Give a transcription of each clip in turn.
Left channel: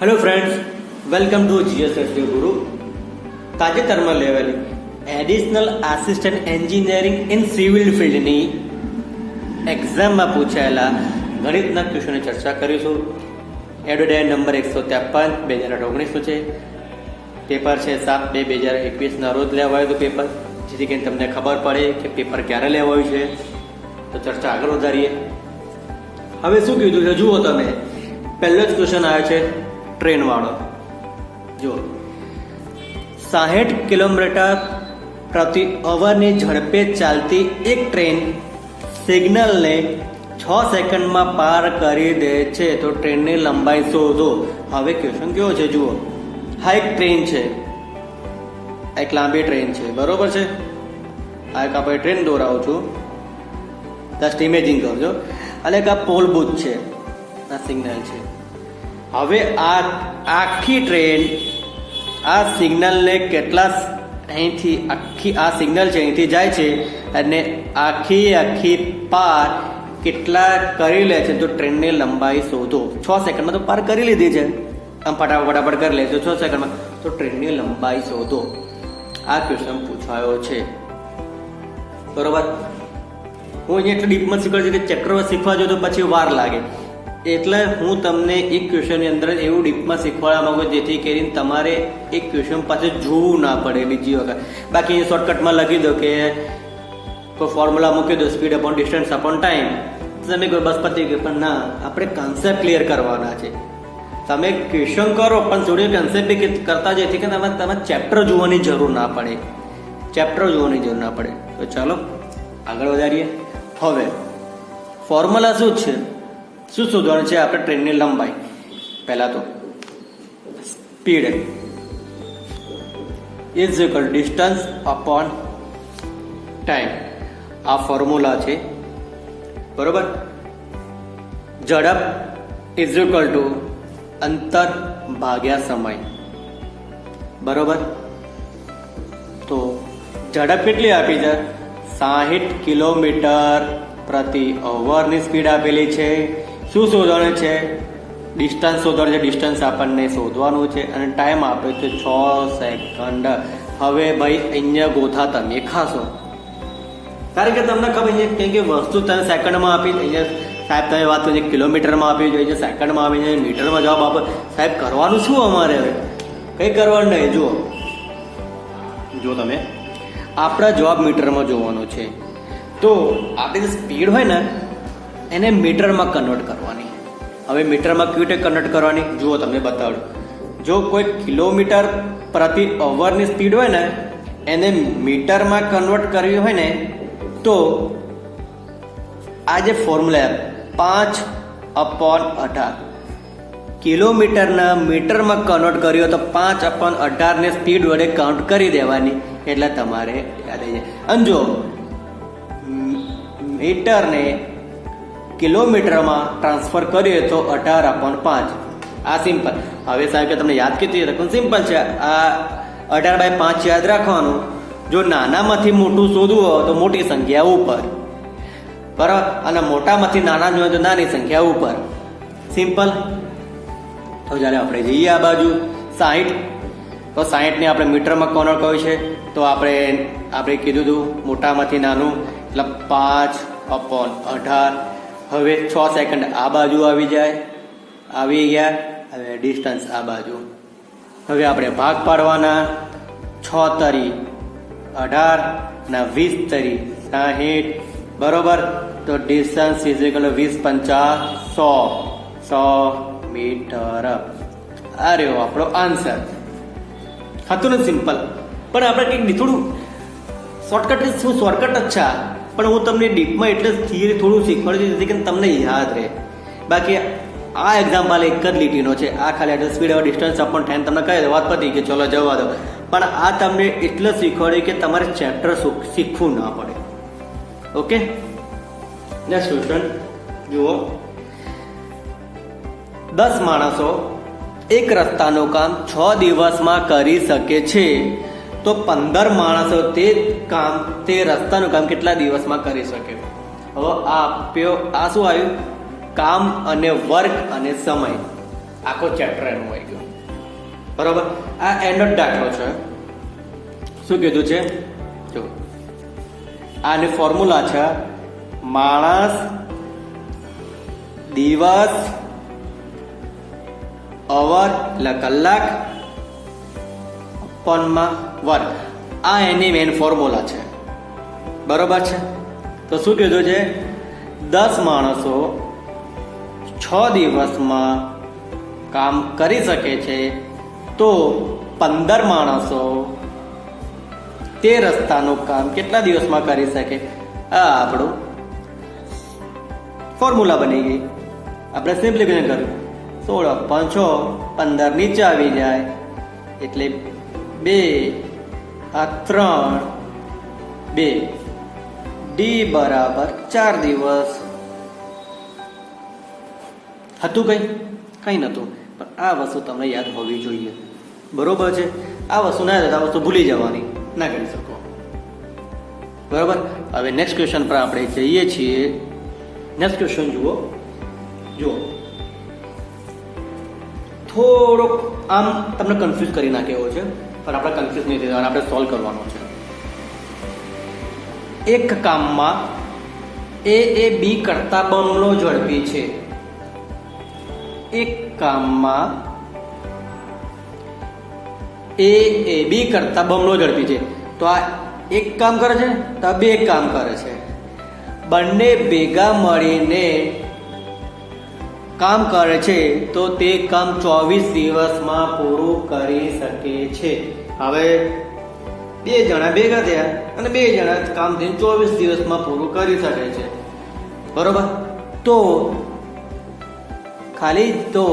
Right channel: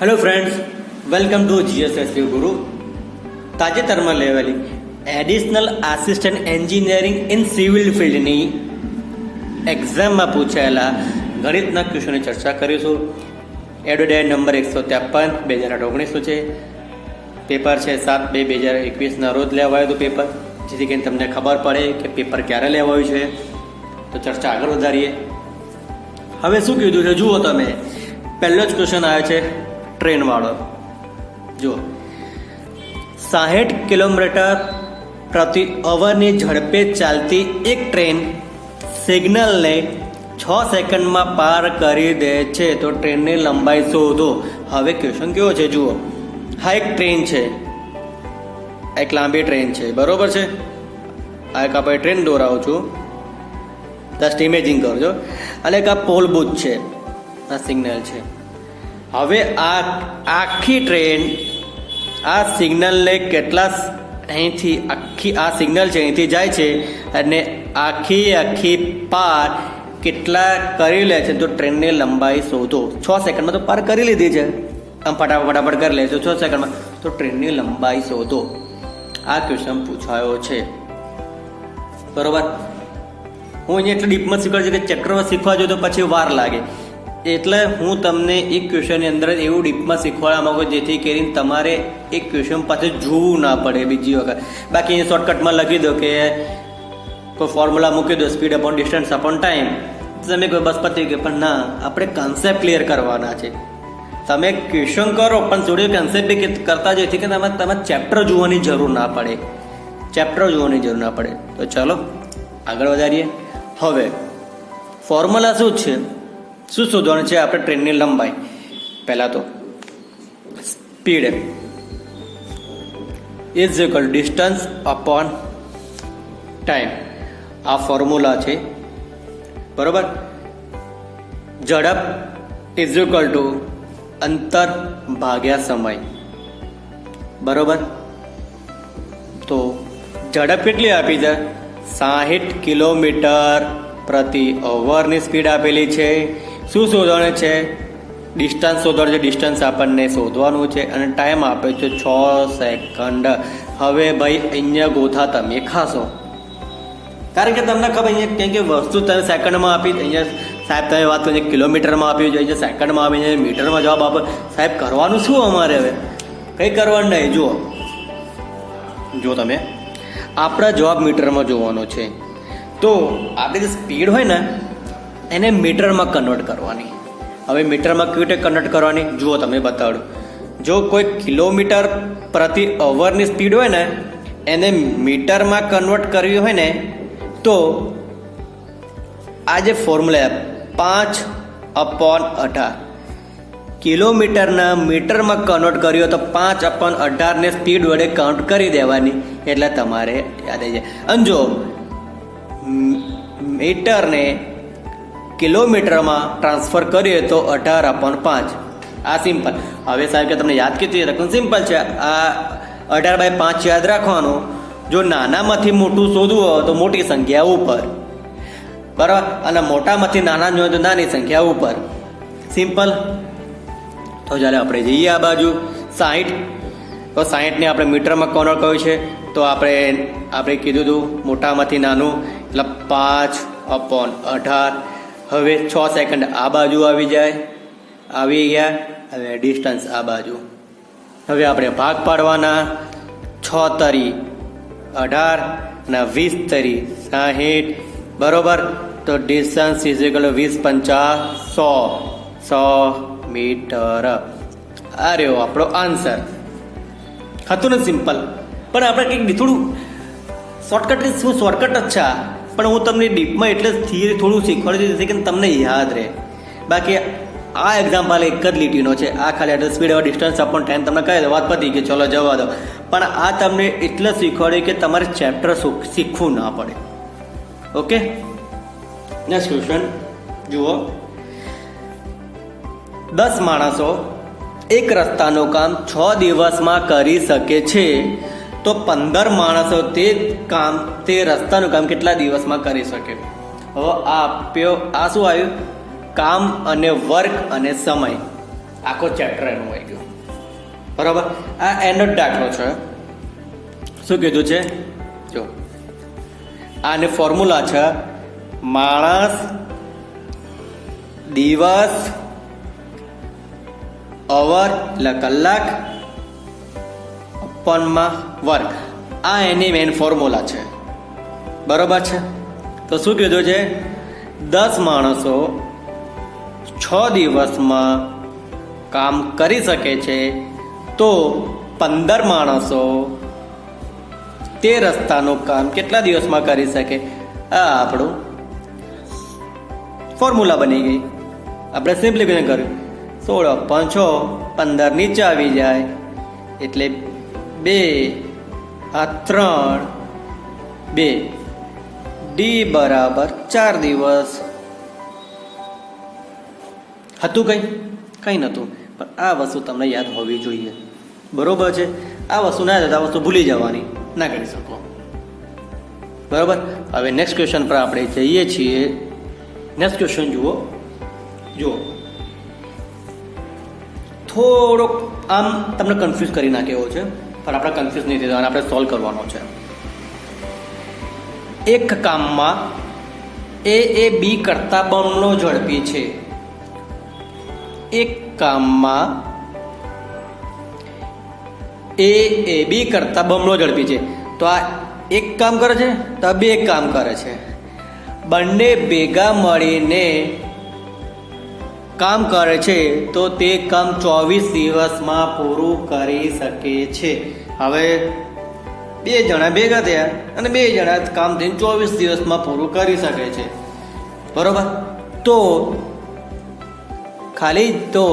Hello friends, welcome to જીએસએસવી ગુરુ. તાજેતરમાં લેવાયેલી additional assistant engineering in civil ફિલ્ડની એક્ઝામમાં પૂછાયેલા ગણિતના ક્વેશ્ચનની ચર્ચા કરીશું. એડોડાયન નંબર 153 2019 છે. પેપર છે 7/2/2021 રોજ લેવાયું હતું પેપર, જેથી કરીને તમને ખબર પડે કે પેપર ક્યારે લેવાયું છે. તો ચર્ચા આગળ વધારીએ. હવે શું કીધું છે જુઓ તમે. પહેલો જ ક્વેશ્ચન આવ્યો છે ટ્રેન વાળો. જો 60 કિલોમીટર પ્રતિ અવરની ઝડપે ચાલતી એક ટ્રેન સિગ્નલને 6 સેકન્ડમાં પાર કરી દે છે તો ટ્રેનની લંબાઈ શોધો. હવે ક્વેશ્ચન કેવો છે જુઓ. હા, એક ટ્રેન છે, એક લાંબી ટ્રેન છે, બરોબર છે. આ એક આપણે ટ્રેન દોરાવું છું, જસ્ટ ઇમેજિંગ કરજો. અને એક આ પોલ બુથ છે, આ સિગ્નલ છે. હવે આ આખી ટ્રેન આ સિગ્નલને કેટલા અહીંથી આખી આ સિગ્નલ છે અહીંથી જાય છે અને આખી પાર કેટલા કરી લે છે તો ટ્રેનની લંબાઈ શોધો. 6 સેકન્ડમાં તો પાર કરી લીધી છે, આમ ફટાફટ કરી લે છે 6 સેકન્ડમાં, તો ટ્રેનની લંબાઈ શોધો. આ ક્વેશ્ચન પૂછાયો છે, બરોબર. હું અહીંયા એટલું ડીપમાં શીખવાડું છું કે ચેપ્ટરમાં શીખવા જોઈએ તો પછી વાર લાગે, એટલે હું તમને એક ક્વેશ્ચનની અંદર એવું ડીપમાં શીખવાડવા માંગુ જેથી કરીને તમારે એક ક્વેશ્ચન પાસે જોવું ના પડે બીજી વખત. બાકી શોર્ટકટમાં લખી દો કે કોઈ ફોર્મ્યુલા મૂકી દો, speed upon distance upon time, તમે કોઈ બસ પતી ગઈ. પણ ના, આપણે કન્સેપ્ટ ક્લિયર કરવાના છે. તમે ક્વેશ્ચન કરો પણ જોડે કન્સેપ્ટ બી કરતા જેથી કે તમારે ચેપ્ટર જોવાની જરૂર ના પડે, તો ચાલો આગળ વધારીએ. હવે ફોર્મ્યુલા શું છે, શું શોધવાનું છે આપણે ટ્રેનની લંબાઈ. પહેલા તો speed is equal distance upon time. આ ફોર્મ્યુલા છે, બરોબર. ઝડપ ઇઝ ઇક્વલ ટુ અંતર ભાગ્યા સમય, બરોબર. તો ઝડપ કેટલી આપી છે? 60 કિલોમીટર પ્રતિ અવરની સ્પીડ આપેલી છે. શું શોધવાનું છે? ડિસ્ટન્સ શોધવાનું છે. ડિસ્ટન્સ આપણને શોધવાનું છે અને ટાઈમ આપ્યો છે 6 સેકન્ડ. હવે ભાઈ અહીંયા ગોથા તમે ખાશો, કારણ કે તમને ખબર છે કે વસ્તુ તમે સેકન્ડમાં આપી. અહીંયા સાહેબ તમે વાત કરી કિલોમીટરમાં આપી જોઈએ, સેકન્ડમાં આપી જાય, મીટરમાં જવાબ આપો. સાહેબ કરવાનું શું અમારે? કંઈ કરવાનું નહીં. જુઓ તમે, આપણા જવાબ મીટરમાં જોવાનો છે. તો આપણી જે સ્પીડ હોય ને એને મીટરમાં કન્વર્ટ કરવાની. હવે મીટરમાં કેવી રીતે કન્વર્ટ કરવાની જુઓ તમે બતાડું. જો કોઈ કિલોમીટર પ્રતિ અવરની સ્પીડ હોય ને એને મીટરમાં કન્વર્ટ કરવી હોય ને તો આ જે ફોર્મ્યુલા 5/18 કિલોમીટરના મીટરમાં કન્વર્ટ કર્યો તો 5/18 ને સ્પીડ વડે કાઉન્ટ કરી દેવાની, એટલે તમારે યાદ આવી જાય. અને જો મીટરને કિલોમીટરમાં ટ્રાન્સફર કરીએ તો 18/5. આ સિમ્પલ. હવે સાહેબ કે તમને યાદ કેટલી રકમ? સિમ્પલ છે. આ 18/5 યાદ રાખવાનું. જો નાનામાંથી મોટું શોધવું હોય તો મોટી સંખ્યા ઉપર, બરાબર, અને મોટામાંથી નાના જોઈએ તો નાની સંખ્યા ઉપર. સિમ્પલ. તો ચાલો આપણે જઈએ આ બાજુ 60. તો 60ને આપણે મીટરમાં કન્વર્ટ કર્યું છે તો આપણે કીધું હતું મોટામાંથી નાનું એટલે 5/18. હવે 6 સેકન્ડ આ બાજુ આવી ગયા. હવે ડિસ્ટન્સ આ બાજુ. હવે આપણે ભાગ પાડવાના. 6 તરી 18 અને 20 તરી 60, બરોબર. તો ડિસ્ટન્સ ઇઝ ઇક્વલ 20×5 100 મીટર. આ રહ્યો આપણો આન્સર. હતું ને સિમ્પલ. પણ આપણે કંઈક થોડું શોર્ટકટ જ છે, પણ હું તમને ડીપમાં એટલે થિયરી થોડું શીખવાડું છું જેથી કે તમને યાદ રહે. બાકી આ એક્ઝામ્પલ એક જ લીટીનો છે. આ ખાલી સ્પીડ ડિસ્ટન્સ અપોન ટાઈમ તમને કહે વાત પતી કે ચલો જવા દો. પણ આ તમને એટલે શીખવાડે કે તમારે ચેપ્ટર શીખવું ના પડે. ઓકે, નેક્સ્ટ ક્વેશ્ચન જુઓ. 10 માણસો એક રસ્તાનું કામ 6 દિવસમાં કરી શકે છે તો 15 માણસો તે રસ્તાનું કામ કેટલા દિવસમાં કરી શકે? હવે આ શું આવ્યું? કામ અને વર્ક અને સમય. આખો ચેપ્ટર એનું હોય ગયો. બરોબર, આ એનો જ દાખલો છે. શું કીધું છે જો, આની ફોર્મ્યુલા છે માણસ, દિવસ, અવર એટલે કલાક, અપનમાં વર્ગ. આ એની મેઇન ફોર્મ્યુલા છે. બરોબર છે. તો શું કીધું છે, 10 માણસો 6 દિવસમાં કામ કરી શકે છે, તો 15 માણસો તે રસ્તાનું કામ કેટલા દિવસમાં કરી શકે? આ આપણું ફોર્મ્યુલા બની ગઈ. આપણે સિમ્પ્લિફિકેશન કર્યું. 16 × 6 15 નીચે આવી જાય એટલે 2 આ 3 2 ડી બરાબર 4 દિવસ. હતું કંઈ નહોતું, પણ આ વસ્તુ તમને યાદ હોવી જોઈએ. બરોબર છે. આ વસ્તુ ના યાદ, આ વસ્તુ ભૂલી જવાની, ના કરી શકો. બરોબર. હવે નેક્સ્ટ ક્વેશ્ચન પર આપણે જઈએ છીએ. નેક્સ્ટ ક્વેશ્ચન જુઓ. થોડોક આમ તમને કન્ફ્યુઝ કરી નાખે એવો છે, પણ આપણે કન્ફ્યુઝ નહીં થવાનું, આપણે સોલ્વ કરવાનો છે. એક કામમાં એ બી કરતા બમણો ઝડપી છે. એક કામમાં એ બી કરતા બમણો ઝડપી છે. તો આ એક કામ કરે છે, તો આ બે કામ કરે છે. બંને ભેગા મળીને કામ કરે છે, તો તે કામ 24 દિવસમાં પૂરું કરી શકે છે. હવે 2 જણા ભેગા થયા અને 2 જણા કામ થઈને 24 દિવસમાં પૂરું કરી શકે છે. બરોબર. તો ખાલી તો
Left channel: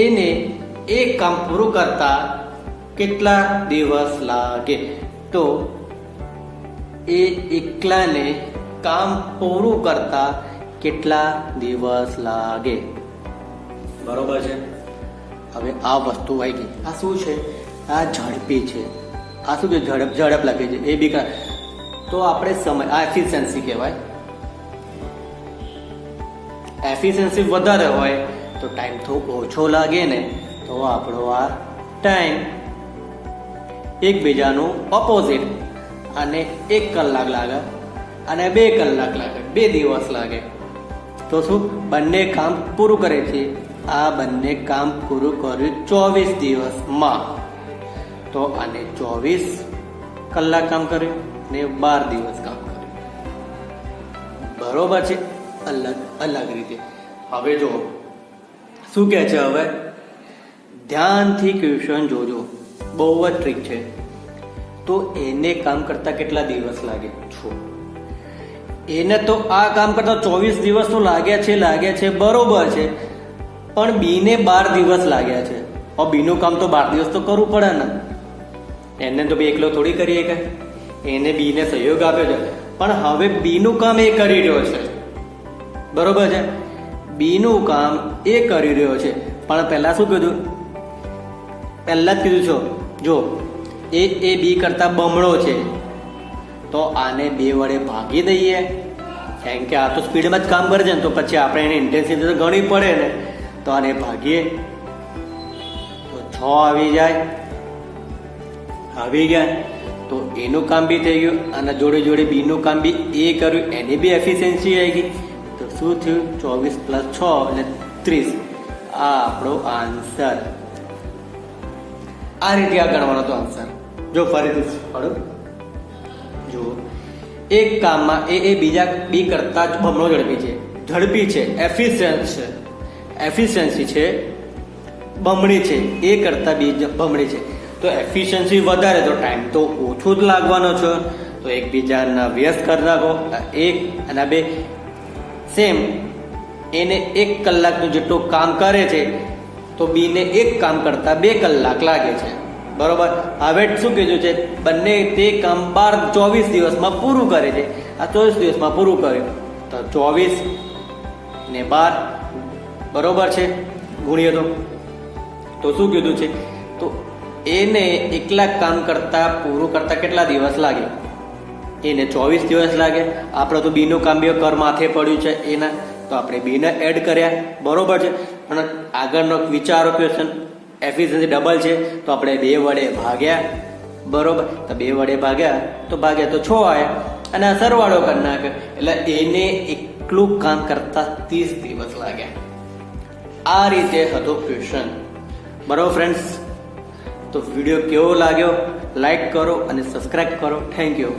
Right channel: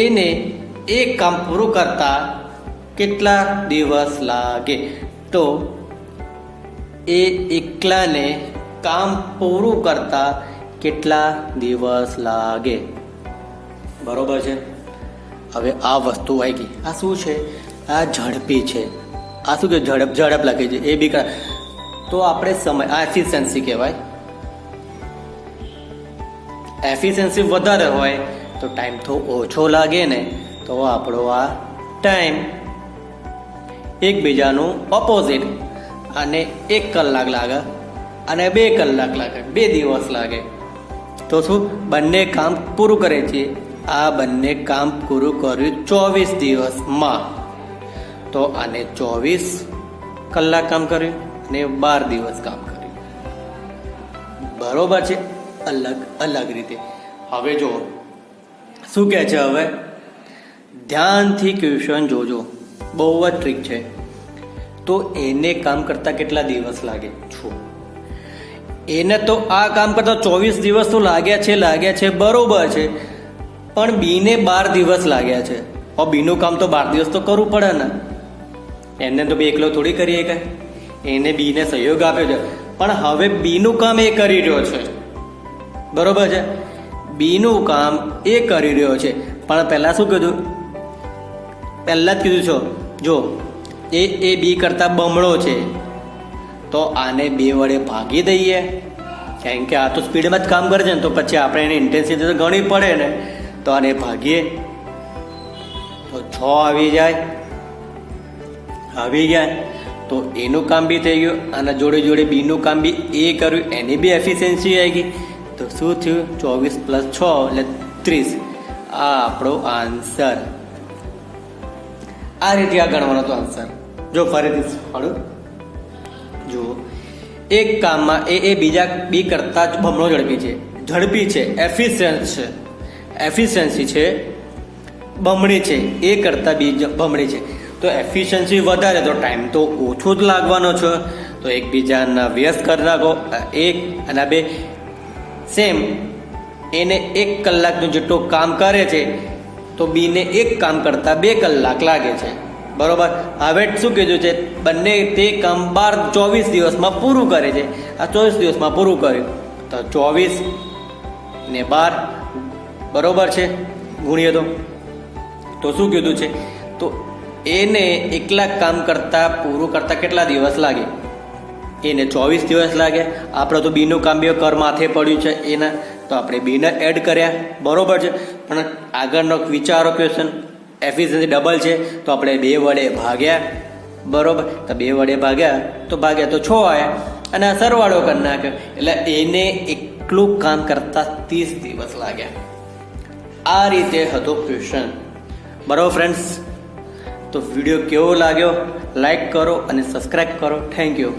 એને એક કામ પૂરું કરતા કેટલા દિવસ લાગે? તો એ એકલાને કામ પૂરું કરતા કેટલા દિવસ લાગે? બરોબર છે. હવે આ વસ્તુ આવી ગઈ. આ શું છે? આ ઝડપી છે. આ શું કે ઝડપ લાગે છે એ બી. તો આપણે સમય, આ એફિશિયન્સી કહેવાય. એફિશિયન્સી વધારે હોય તો ટાઈમ તો ઓછો લાગે ને, તો આપણો આ ટાઈમ એકબીજાનું ઓપોઝિટ. અને 1 કલાક લાગે અને 2 કલાક લાગે, 2 દિવસ લાગે. તો શું બંને કામ પૂરું કરે છે? આ બંને કામ પૂરું કર્યું 24 દિવસમાં. તો આને 24 કલાક કામ કર્યું ને 12 દિવસ કામ કર્યું. બરોબર છે. અલગ રીતે. હવે જો શું કહે છે, હવે ધ્યાનથી ક્વેશ્ચન જોજો, બહુ જ ટ્રીક છે. તો એને કામ કરતા કેટલા દિવસ લાગે? એને તો આ કામ કરતા 24 દિવસ તો લાગ્યા છે, બરોબર છે. પણ બીને 12 દિવસ લાગ્યા છે. હવે બીનું કામ તો 12 દિવસ તો કરવું પડે ને. એને તો એકલો થોડી કરીએ કે, એને બીને સહયોગ આપ્યો છે. પણ હવે બીનું કામ એ કરી રહ્યો છે. બરોબર છે. બીનું કામ એ કરી રહ્યો છે. પણ પહેલા શું કીધું? પહેલા જ કીધું છો, જો એ બી કરતા બમણો છે, તો આને 2 વડે ભાગી દઈએ. કેમ કે આ તો સ્પીડમાં જ કામ કરે છે ને, તો પછી આપણે એને ઇન્ટેન્સિટી ગણવી પડે ને. તો આને ભાગીએ તો 6 આવી ગયા. તો એનું કામ બી થઈ ગયું અને જોડે જોડે બીનું કામ બી એ કર્યું, એની બી એફિશિયન્સી આવી ગઈ. તો શું થયું? 24 + 6 એટલે 30. આ આપણો આન્સર. આ રીતે આ ગણવાનો તો આન્સર. જો ફરીથી શીખવાડું. જો એક કામમાં એ બીજા બી કરતા જ બમણો ઝડપી છે, એફિશિયન્સી છે બમણી છે, એ કરતા બી બમણી છે. તો એફિશિયન્સી વધારે તો ટાઈમ તો ઓછો જ લાગવાનો છે. તો એકબીજાના વ્યસ્ત કરી નાખો. 1 અને 2 સેમ. એને 1 કલાકનું જેટલું કામ કરે છે, તો બીને 1 કામ કરતા 2 કલાક લાગે છે. બરોબર. હવે શું કીધું છે? બંને તે કામ 24 દિવસમાં પૂરું કરે છે. આ 24 દિવસમાં પૂરું કર્યું, તો 24 ને 12 બરોબર છે, ગુણીએ તો શું કીધું છે? તો એને એકલા કામ કરતા પૂરું કરતા કેટલા દિવસ લાગે? એને 24 દિવસ લાગે. આપણે તો બીનું કામ બી કર માથે પડ્યું છે એના, તો આપણે બીને એડ કર્યા. બરોબર છે. અને આગળનો વિચારો ક્વેશ્ચન એફિશિયન્સી ડબલ છે તો આપણે 2 વડે ભાગ્યા, બરોબર. તો 2 વડે ભાગ્યા તો 6 આવ્યા અને આ સરવાળો કરી નાખ્યો એટલે એને એકલું કામ કરતા 30 દિવસ લાગ્યા. આ રીતે હતો ક્વેશ્ચન, બરોબર ફ્રેન્ડ્સ. તો વિડીયો કેવો લાગ્યો લાઈક કરો અને સબસ્ક્રાઇબ કરો. Thank you.